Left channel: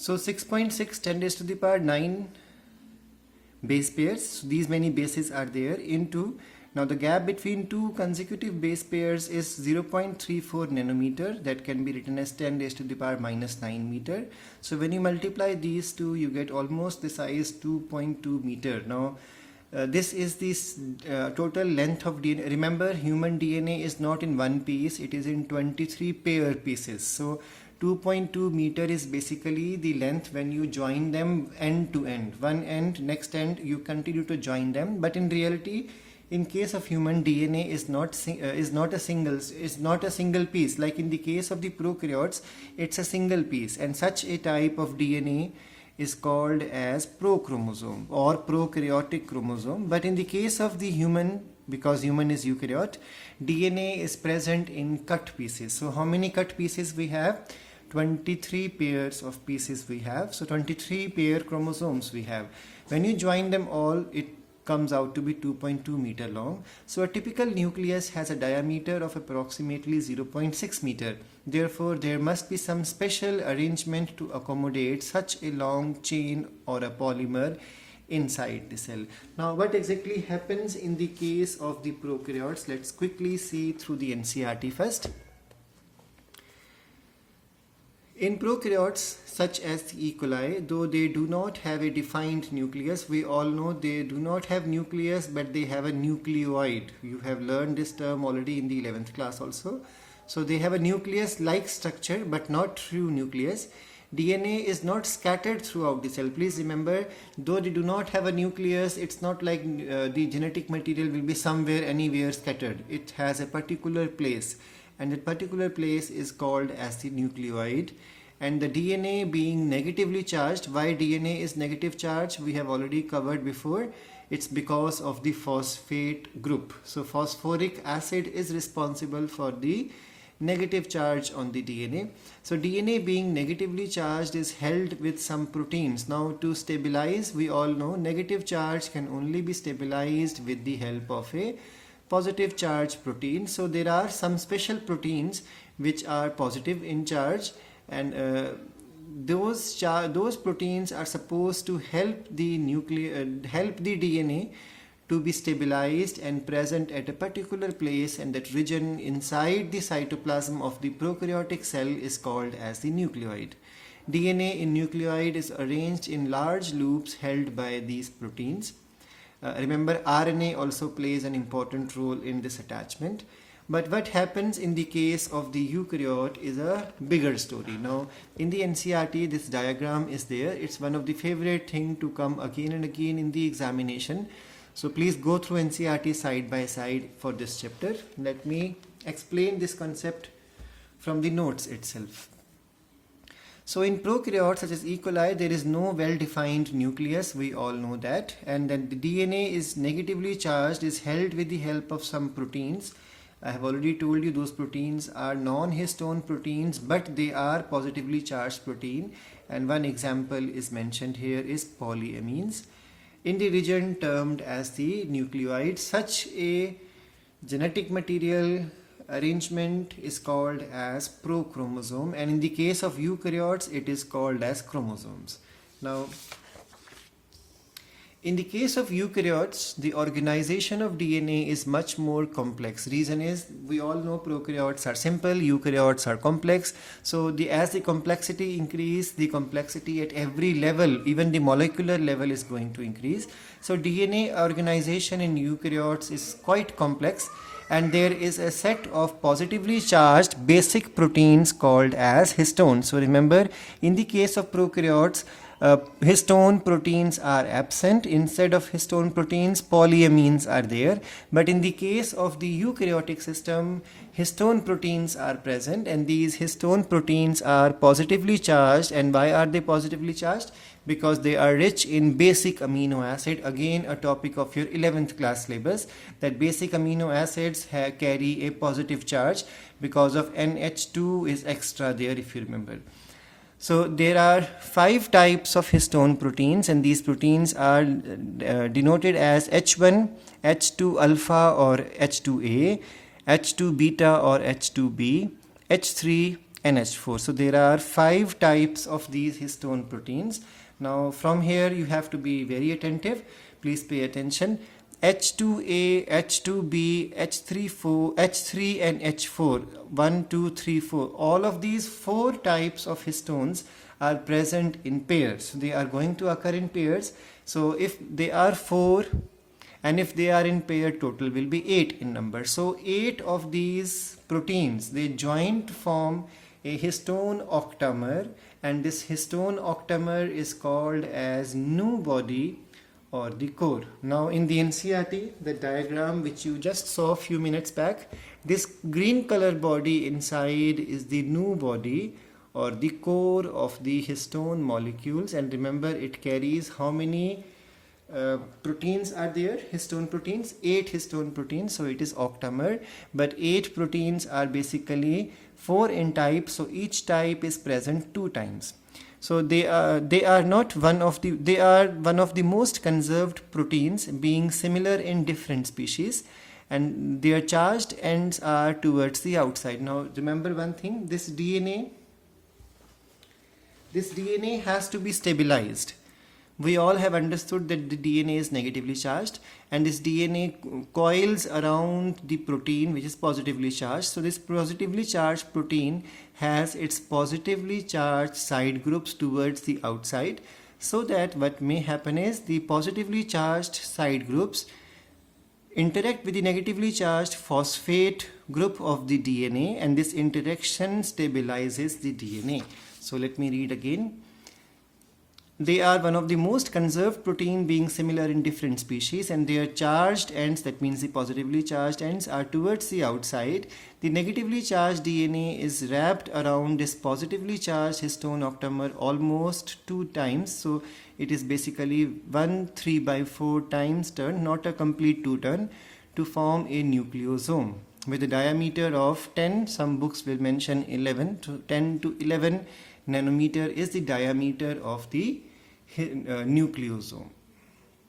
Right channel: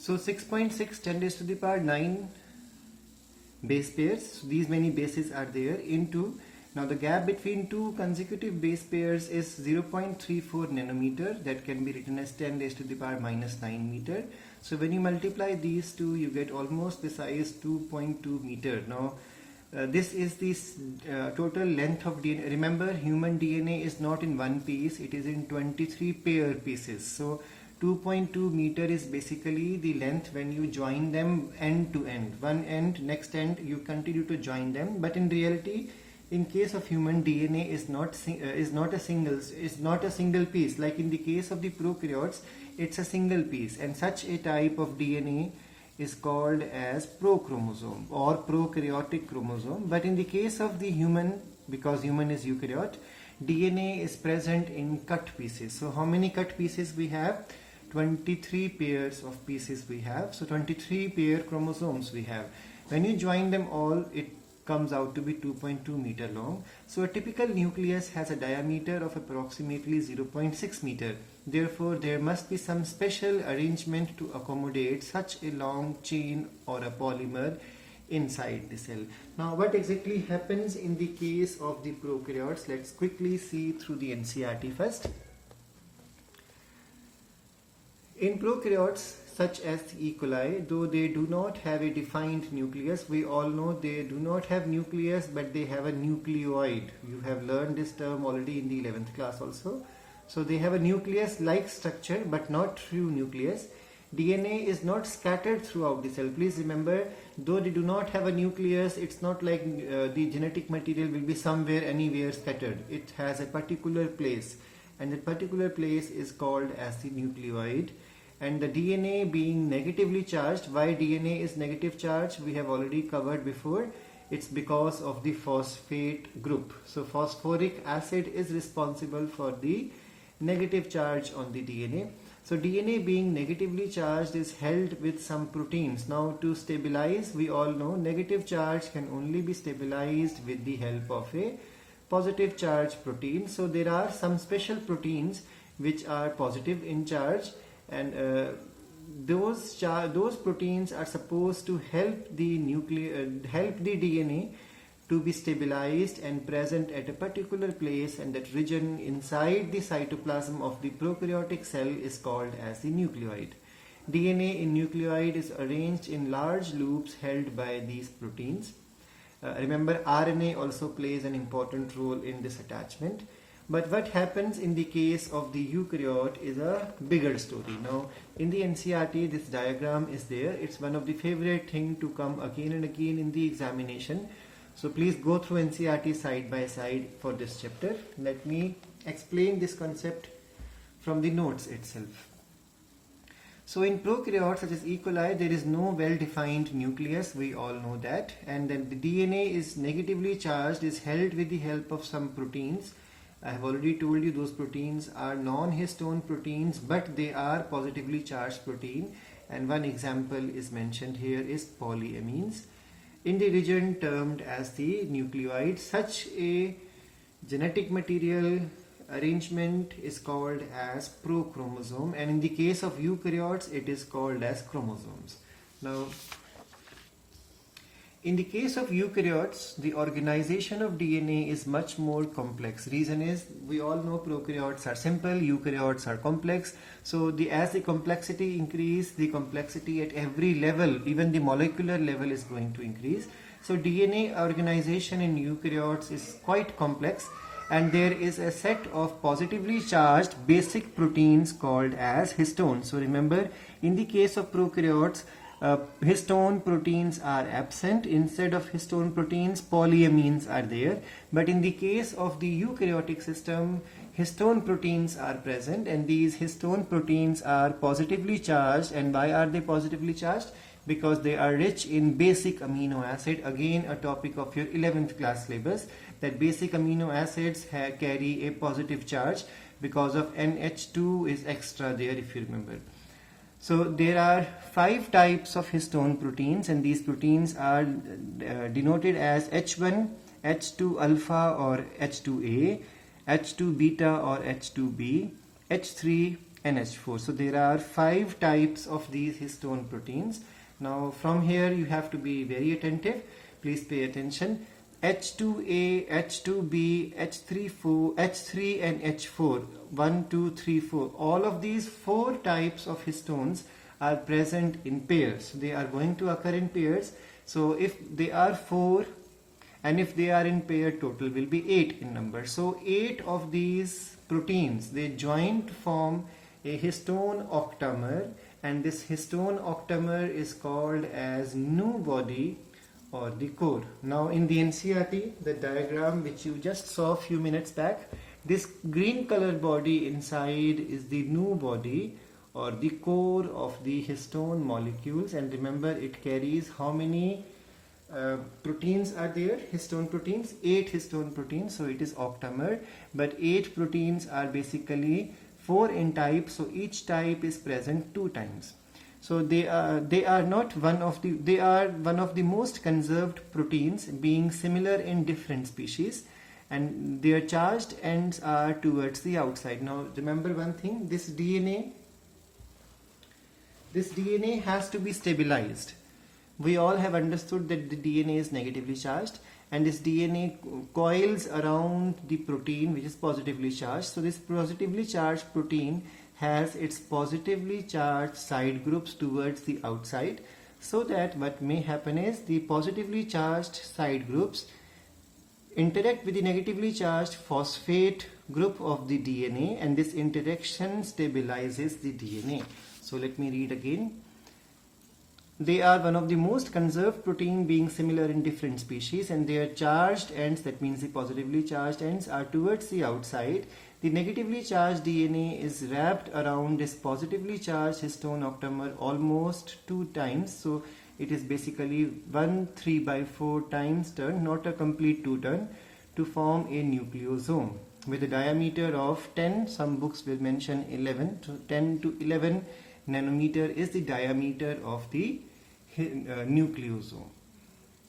So 6.6 10 raised to the power 9 base pairs. So these many bases are there into, now the gap between two consecutive base pairs is 0.34 nanometer. That can be written as 10 raised to the power minus 9 meter. So when you multiply these two, you get almost the size 2.2 meter. Now this is this total length of DNA. Remember, human DNA is not in one piece, it is in 23 pair pieces. So 2.2 meter is basically the length when you join them end to end. One end, next end, you continue to join them. But in reality, in case of human, DNA is not a single piece. Like in the case of the prokaryotes, it's a single piece, and such a type of DNA is called as prochromosome or prokaryotic chromosome. But in the case of the human, because human is eukaryote, DNA is present in cut pieces. So how many cut pieces we have? 23 pairs of pieces we have. So 23 pair chromosomes we have. When you join them all, it comes out to be 2.2 meter long. So a typical nucleus has a diameter of approximately 0.6 meter. Therefore, there must be some special arrangement to accommodate such a long chain or a polymer inside the cell. Now, what exactly happens in the case of the prokaryotes? Let's quickly see through the NCERT first. In prokaryotes such as E. coli, though they do not have a defined nucleus, we all know they do not have nucleus, but they have a nucleoid. You have learned this term already in the 11th class also. So they have a nucleus-like structure, but not true nucleus. DNA is not scattered throughout the cell. Please remember, though they do not have a nucleus, it's not like the genetic material will be somewhere, anywhere scattered. It has a particular place, and that particular place is called as the nucleoid. And the DNA being negatively charged, why DNA is negative charge, we have already covered before. It's because of the phosphate group. So phosphoric acid is responsible for the negative charge on the DNA. So DNA being negatively charged is held with some proteins. Now to stabilize, we all know negative charge can only be stabilized with the help of a positive charge protein. So there are some special proteins which are positive in charge, and those proteins are supposed to help the DNA to be stabilized and present at a particular place, and that region inside the cytoplasm of the prokaryotic cell is called as the nucleoid. DNA in nucleoid is arranged in large loops held by these proteins. Remember, RNA also plays an important role in this attachment. But what happens in the case of the eukaryote is a bigger story. Now, in the NCERT, this diagram is there. It's one of the favorite thing to come again and again in the examination. So please go through NCERT side by side for this chapter. Let me explain this concept from the notes itself. So in prokaryotes such as E. coli, there is no well-defined nucleus, we all know that. And then the DNA is negatively charged, is held with the help of some proteins. I have already told you those proteins are non-histone proteins, but they are positively charged protein. And one example is mentioned here is polyamines. In the region termed as the nucleoid, such a genetic material arrangement is called as prochromosome, and in the case of eukaryotes, it is called as chromosomes. Now, in the case of eukaryotes, the organization of DNA is much more complex. Reason is, we all know prokaryotes are simple, eukaryotes are complex. So as the complexity increase, the complexity at every level, even the molecular level, is going to increase. So DNA organization in eukaryotes is quite complex, and there is a set of positively charged basic proteins called as histones. So remember, in the case of prokaryotes, histone proteins are absent. Instead of histone proteins, polyamines are there. But in the case of the eukaryotic system, histone proteins are present, and these histone proteins are positively charged. And why are they positively charged? Because they are rich in basic amino acid. Again, a topic of your 11th class syllabus, that basic amino acids carry a positive charge because of NH2 is extra there, if you remember. So there are 5 types of histone proteins, and these proteins are denoted as H1, H2 alpha or H2A, H2 beta or H2B, H3, NH4. So there are 5 types of these histone proteins. Now from here you have to be very attentive. Please pay attention. H2A, H2B, H3 and H4, 1, 2, 3, 4. All of these 4 types of histones are present in pairs. They are going to occur in pairs. So if they are 4 and if they are in pair, total will be 8 in number. So 8 of these proteins, they joint form a histone octamer, and this histone octamer is called as nu body or the core. Now in the NCERT, the diagram which you just saw a few minutes back, this green color body inside is the nu body or the core of the histone molecules. And remember, it carries how many proteins are there? Histone proteins, 8 histone proteins. So it is octamer, but 8 proteins are basically 4 in type, so each type is present 2 times. So they are one of the most conserved proteins, being similar in different species, and their charged ends are towards the outside. Now remember one thing, this DNA has to be stabilized. We all have understood that the DNA is negatively charged, and this DNA coils around the protein which is positively charged. So this positively charged protein has its positively charged side groups towards the outside, so that what may happen is the positively charged side groups interact with the negatively charged phosphate group of the DNA, and this interaction stabilizes the DNA. So let me read again. They are one of the most conserved protein, being similar in different species, and their charged ends, that means the positively charged ends, are towards the outside. The negatively charged DNA is wrapped around this positively charged histone octamer almost 2 times. So it is basically 1 3/4 times turn, not a complete 2 turn, to form a nucleosome with a diameter of 10, some books will mention 11, so 10 to 11 nanometer is the diameter of the nucleosome.